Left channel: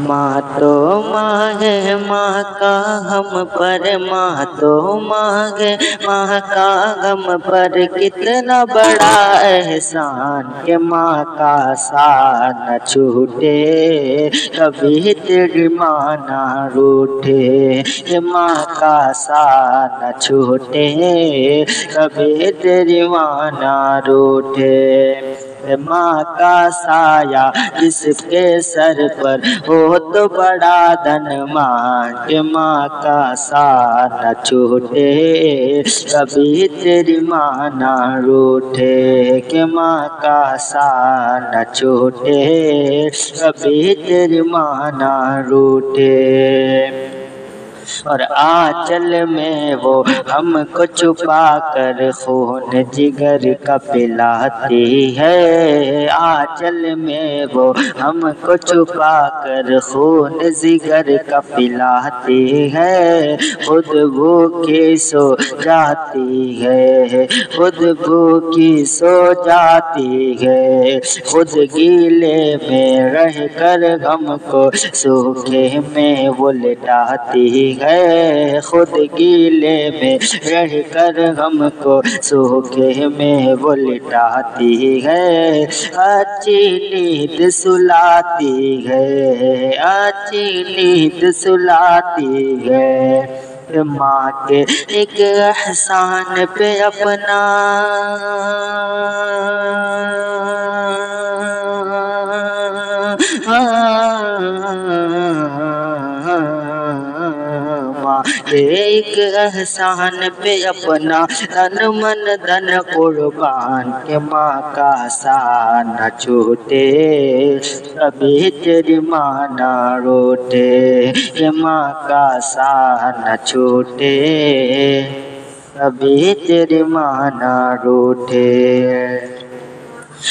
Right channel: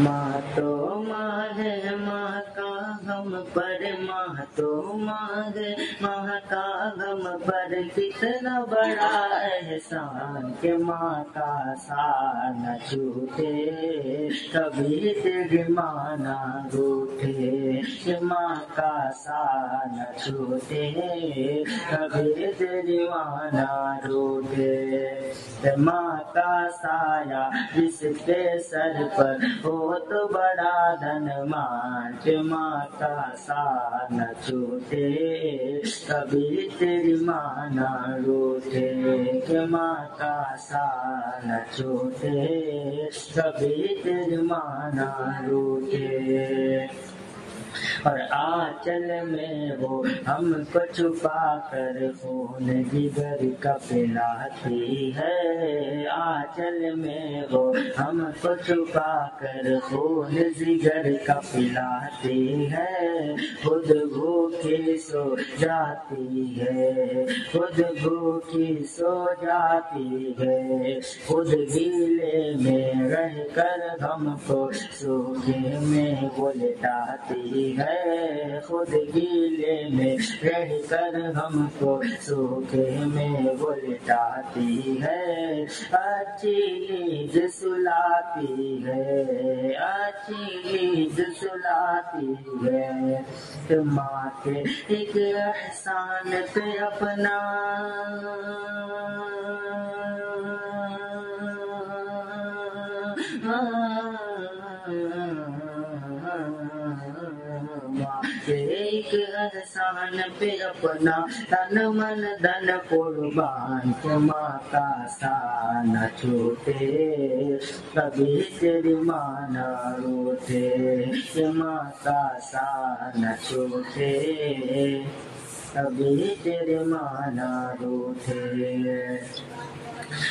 ماں تو ماں ہے، ماں کا ہم پر ماں تو ماں ہے، ماں کا ہم پر کتنا بڑا احسان کہ ماں کا ساتھ نہ چھوٹے، کبھی تیری ماں نہ روٹھے، کہ ماں کا ساتھ نہ چھوٹے، کبھی تیری ماں نہ روٹھے۔ ماں کا سایہ جس کے سر پر ہو تو بڑا دھن ماں، کہ ماں کا سایہ نہ چھوٹے، کبھی تیری ماں نہ روٹھے، کہ ماں کا سایہ نہ چھوٹے، کبھی تیری ماں نہ روٹھے۔ اور آنچل میں وہ ہم کو چھپا کر خون جگر کا پلاتی ہے، آنچل میں وہ ہم کو چھپا کر خون جگر کا پلاتی ہے، خود بھوکی سو جاتی ہے، خود بھوکی سو جاتی ہے، خود گیلے میں رہ کر ہم کو سوکھے میں وہ لٹاتی ہے، خود گیلے میں رہ کر ہم کو سوکھے میں وہ لٹاتی ہے، اچھی نیند سلاتی ہے، اچھی نیند سلاتی ہے، ماں کے ایک احسان پہ اپنا ماں کے ایک احسان پہ اپنا تن من دھن قربان، کہ ماں کا سایہ نہ چھوٹے، کبھی تیری ماں نہ روٹھے، کہ ماں کا سایہ نہ چھوٹے، کبھی تیری ماں نہ روٹھے۔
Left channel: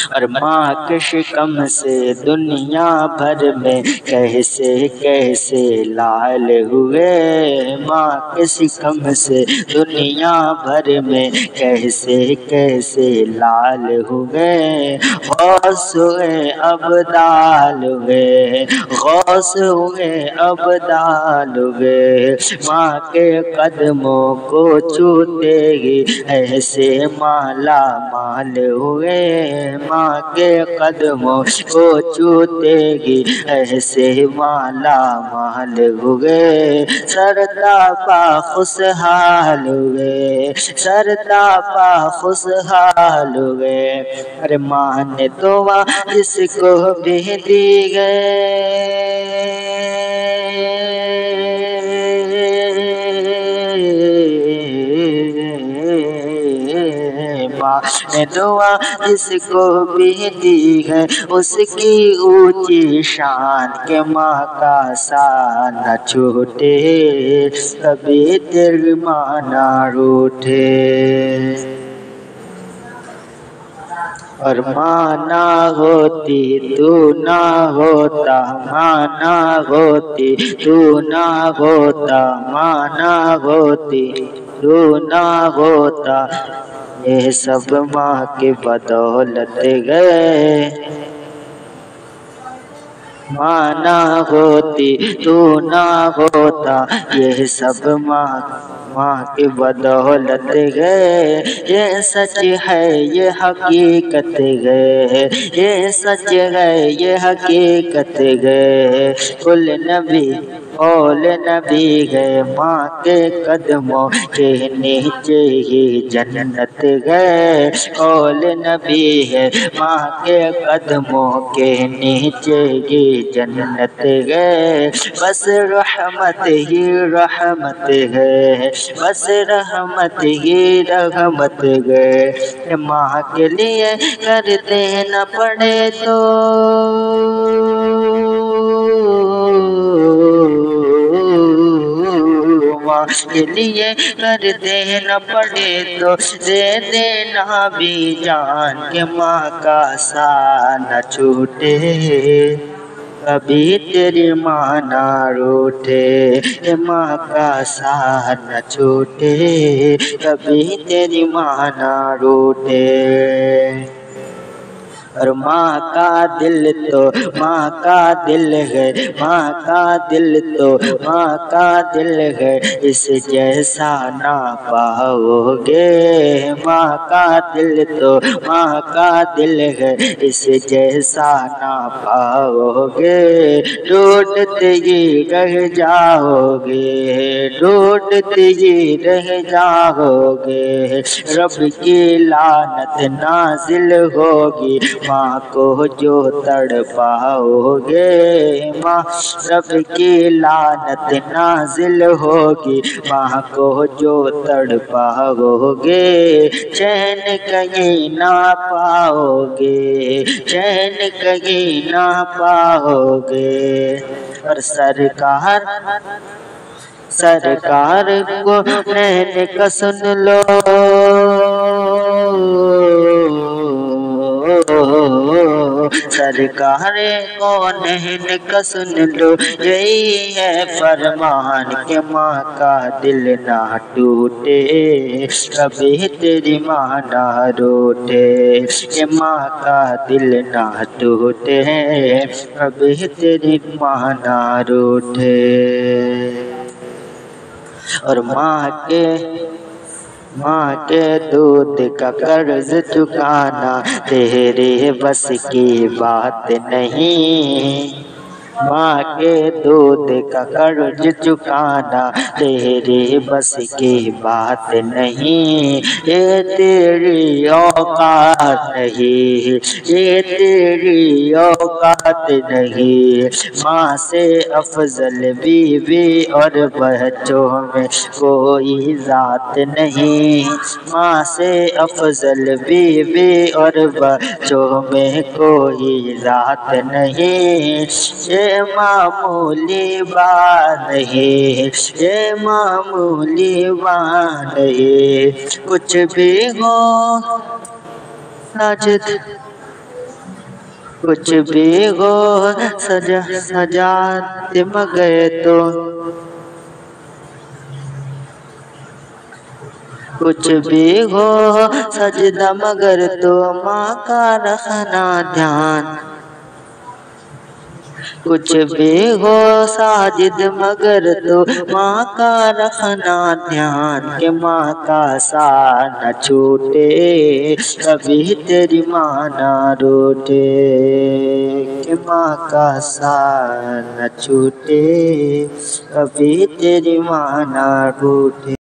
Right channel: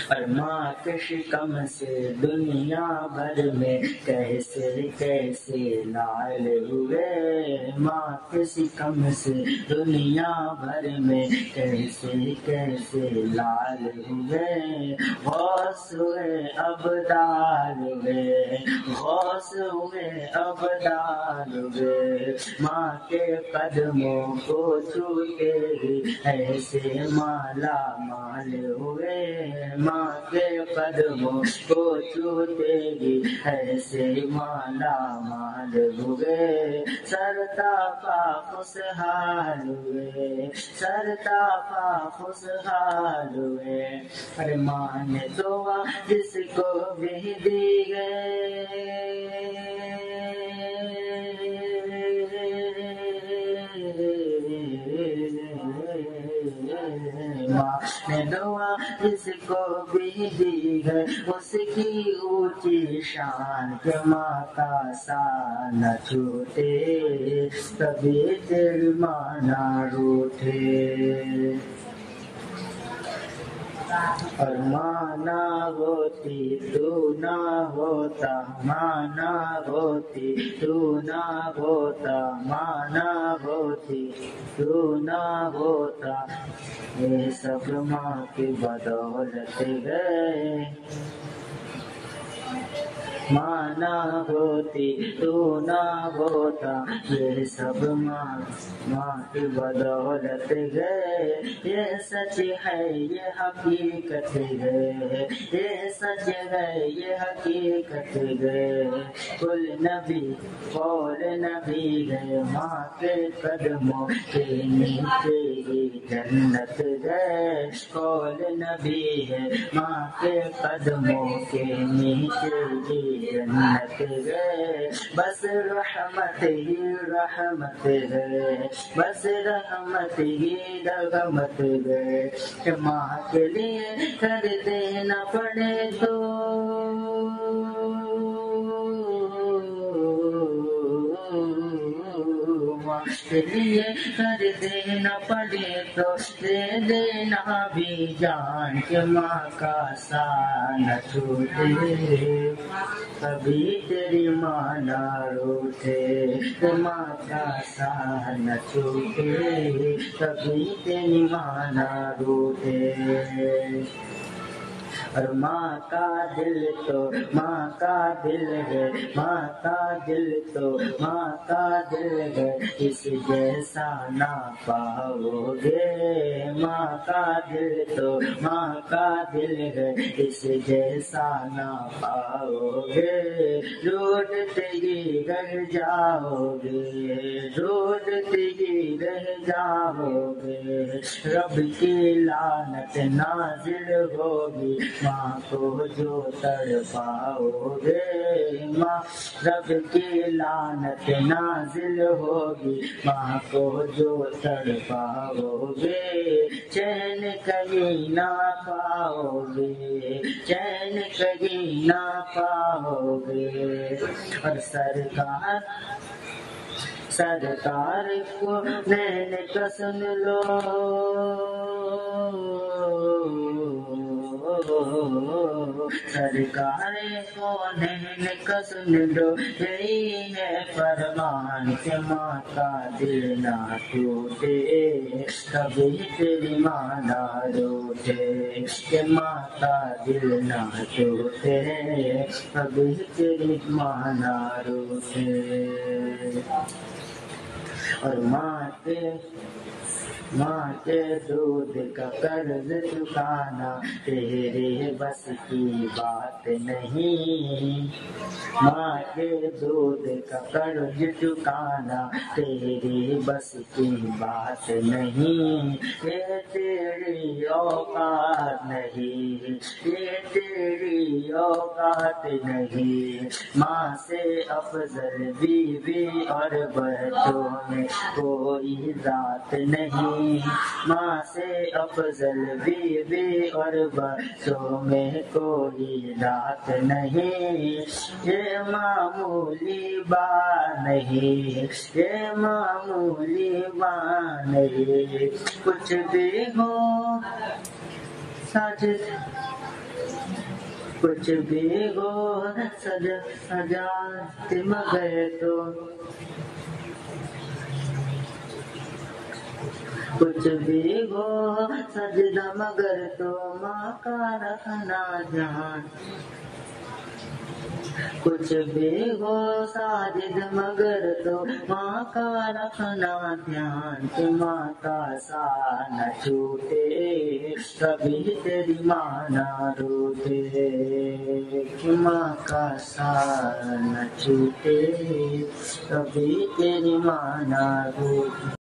اور ماں کے شکم سے دنیا بھر میں کیسے کیسے لال ہوئے، ماں کے شکم سے دنیا بھر میں کیسے کیسے لال ہوئے، غوث ہوئے ابدال ہوئے، غوث ہوئے ابدال ہوئے، ماں کے قدموں کو چھوتے ہی ایسے مالا مال ہوئے، ماں کے قدموں کو چھوتے ہی ایسے مالا مال ہوئے، سرتا پا خوشحال ہوئے، سرتا پا خوشحال ہوئے۔ ارے ماں نے دعا جس کو بھی دی گئے، ماں نے دعا جس کو بھی دی ہے اس کی اونچی شان، کہ ماں کا سایہ نہ چھوٹے، کبھی تیری ماں نہ روٹھے۔ اور ماں نہ ہوتی تو نہ ہوتا، ماں نہ ہوتی تو نہ ہوتا، ماں نہ ہوتی تو نہ ہوتا، یہ سب ماں کی بدولت گئے، ماں نہ ہوتی تو نہ ہوتا، یہ سب ماں کی بدولت گئے، یہ سچ ہے یہ حقیقت گئے، یہ سچ ہے یہ حقیقت گئے، کل نبی قول نبی گئے، ماں کے قدموں کے نیچے ہی جنت گئے، قول نبی ہے ماں کے قدموں کے نیچے ہی جنت گئے، بس رحمت ہی رحمت ہے، بس رحمت ہی رحمت گئے، کہ ماں کے لیے کرتے نہ پڑے تو ماں کے لیے کرتے نہ پڑے تو دے دینا بھی جان، کہ ماں کا سایہ نہ چھوٹے، کبھی تیری ماں نہ روٹھے، کہ ماں کا سایہ نہ چھوٹے، کبھی تیری ماں نہ روٹھے۔ اور ماں کا دل تو ماں کا دل ہے، ماں کا دل تو ماں کا دل ہے، اس جیسا نہ پاؤ گے۔ ماں کا دل تو ماں کا دل ہے، اس جیسا نہ پاؤ گے۔ ڈھونڈتے ہی رہ جاؤ گے، ڈھونڈتے ہی رہ جاؤ گے۔ رب کی لعنت نازل ہوگی ماں کو جو تڑ پاؤ گے۔ ماں رب کی لعنت نازل ہوگی ماں کو جو تڑ پاؤ گے۔ چین کہیں نہ پاؤ گے، چین کہیں نہ پاؤ گے۔ اور سرکار کو نین کا سن لو، سرکار کو نین کا سن لو، یہی ہے فرمان کہ ماں کا دل نہ ٹوٹے، کبھی تیری ماں نہ روٹے۔ کہ ماں کا دل نہ ٹوٹے، کبھی تیری ماں نہ روٹے۔ اور ماں کے دودھ کا قرض چکانا تیرے بس کی بات نہیں، ماں کے دودھ کا قرض چکانا تیرے بس کی بات نہیں۔ یہ تیری اوقات نہیں، یہ تیری اوقات نہیں۔ ماں سے افضل بیوی اور بچوں میں کوئی ذات نہیں، ماں سے افضل بیوی اور بچوں میں کوئی ذات نہیں۔ یہ معمولی بات نہیں، یہ معمولی بات نہیں۔ کچھ بھی ہو ساجد، کچھ بھی ہو سجاد مگر تو، کچھ بھی ہو سجدہ مگر تو ماں کا رکھنا دھیان۔ کچھ بھی ہو ساجد مگر تو ماں کا رکھنا دھیان، کہ ماں کا ساتھ نہ چھوٹے، کبھی تیری ماں نہ روٹے۔ کہ ماں کا ساتھ نہ چھوٹے، کبھی تیری ماں نہ روٹے۔